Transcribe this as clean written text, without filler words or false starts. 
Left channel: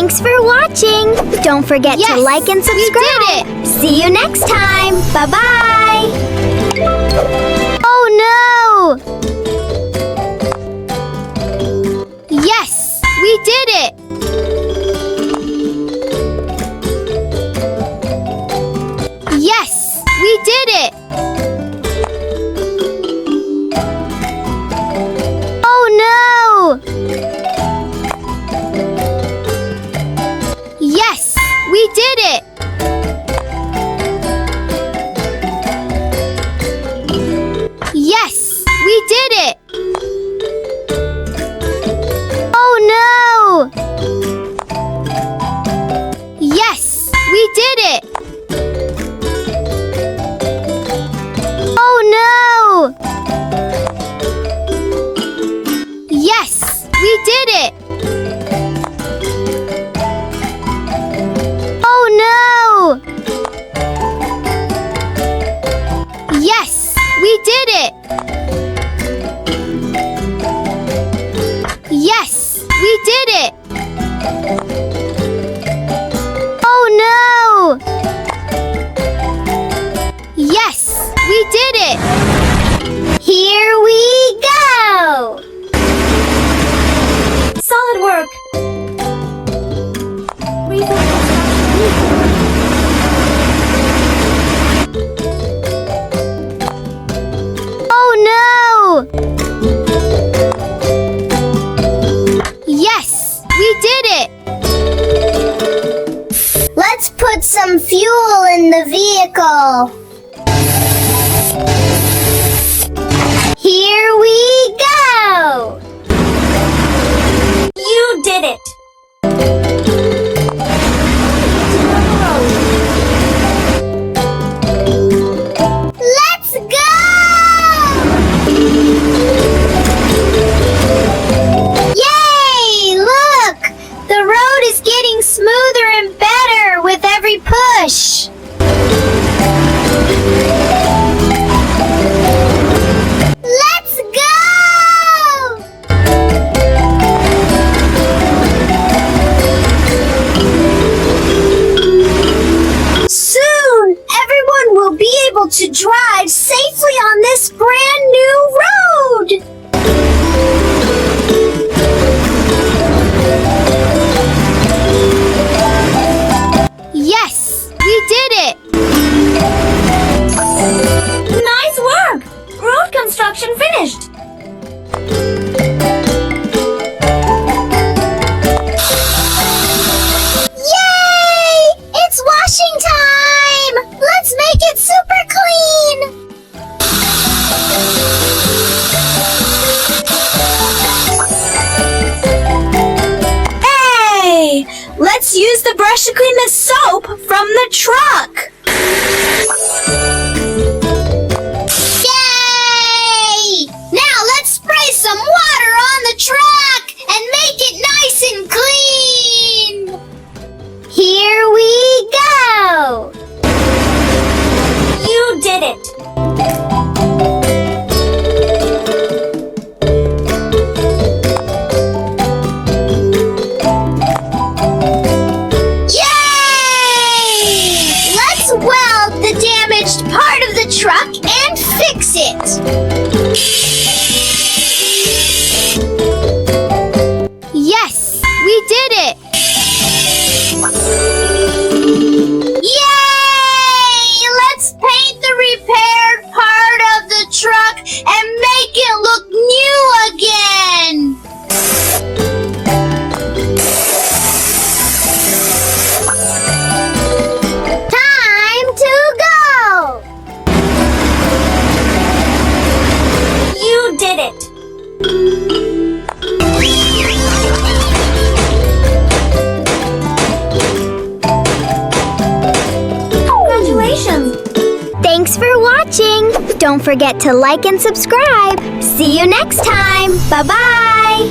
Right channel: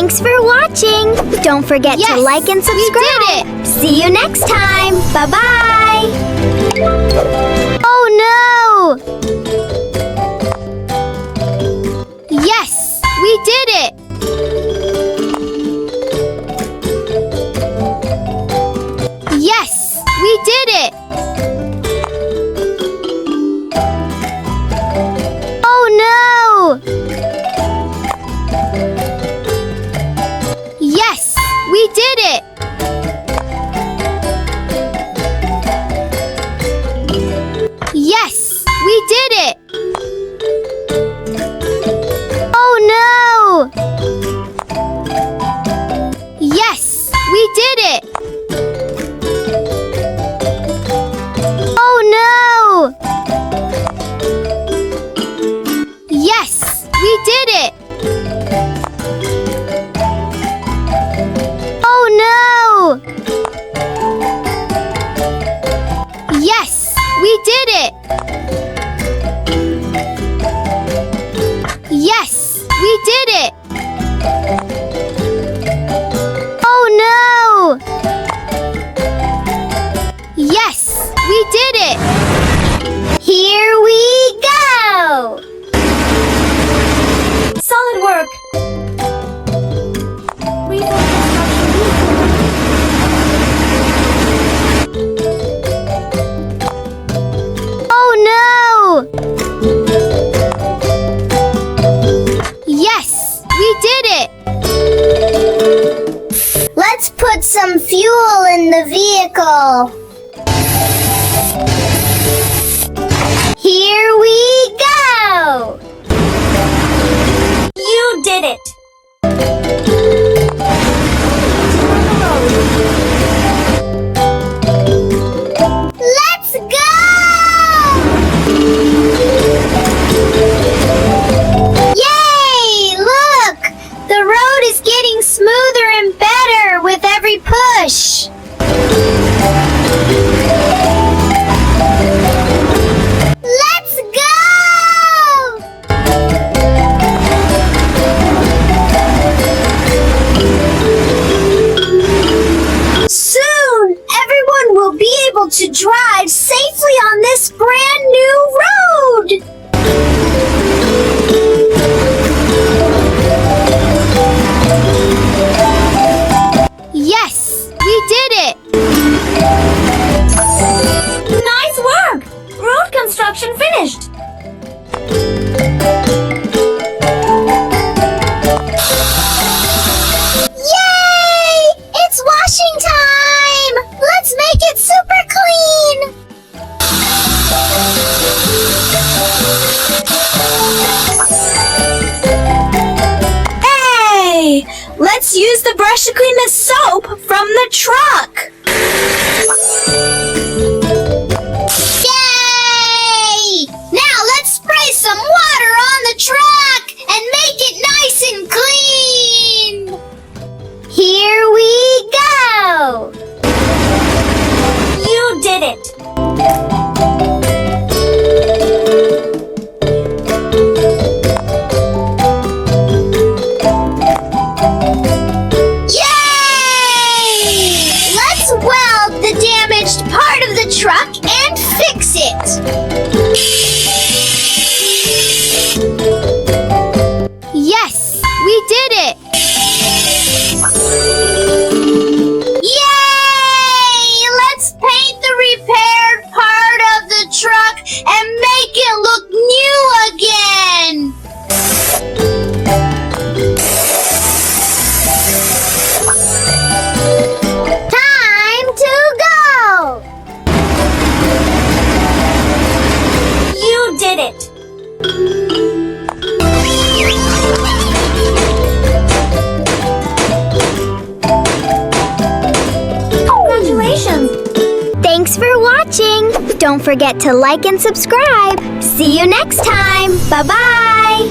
Thanks for watching. Don't forget to like and subscribe. We did it. See you next time. Bye-bye. Oh no! Yes, we did it. Yes, we did it. Oh no! Yes, we did it. Yes, we did it. Oh no! Yes, we did it. Oh no! Yes, we did it. Oh no! Yes, we did it. Yes, we did it. Oh no! Yes, we did it. Here we go! Solid work! Oh no! Yes, we did it. Let's put some fuel in the vehicle. Here we go! You did it! Let's go! Yay! Look! The road is getting smoother and better with every push. Let's go! Soon, everyone will be able to drive safely on this brand new road. Yes, we did it. Nice work! Road construction finished! Yay! It's washing time! Let's make it super clean! Hey! Let's use the brush to clean the soap from the truck! Yay! Now let's spray some water on the truck and make it nice and clean! Here we go! You did it! Yay! Let's weld the damaged part of the truck and fix it! Yes, we did it. Yay! Let's paint the repaired part of the truck and make it look new again! Time to go! You did it! Congratulations! Thanks for watching! Don't forget to like and subscribe! See you next time! Bye-bye!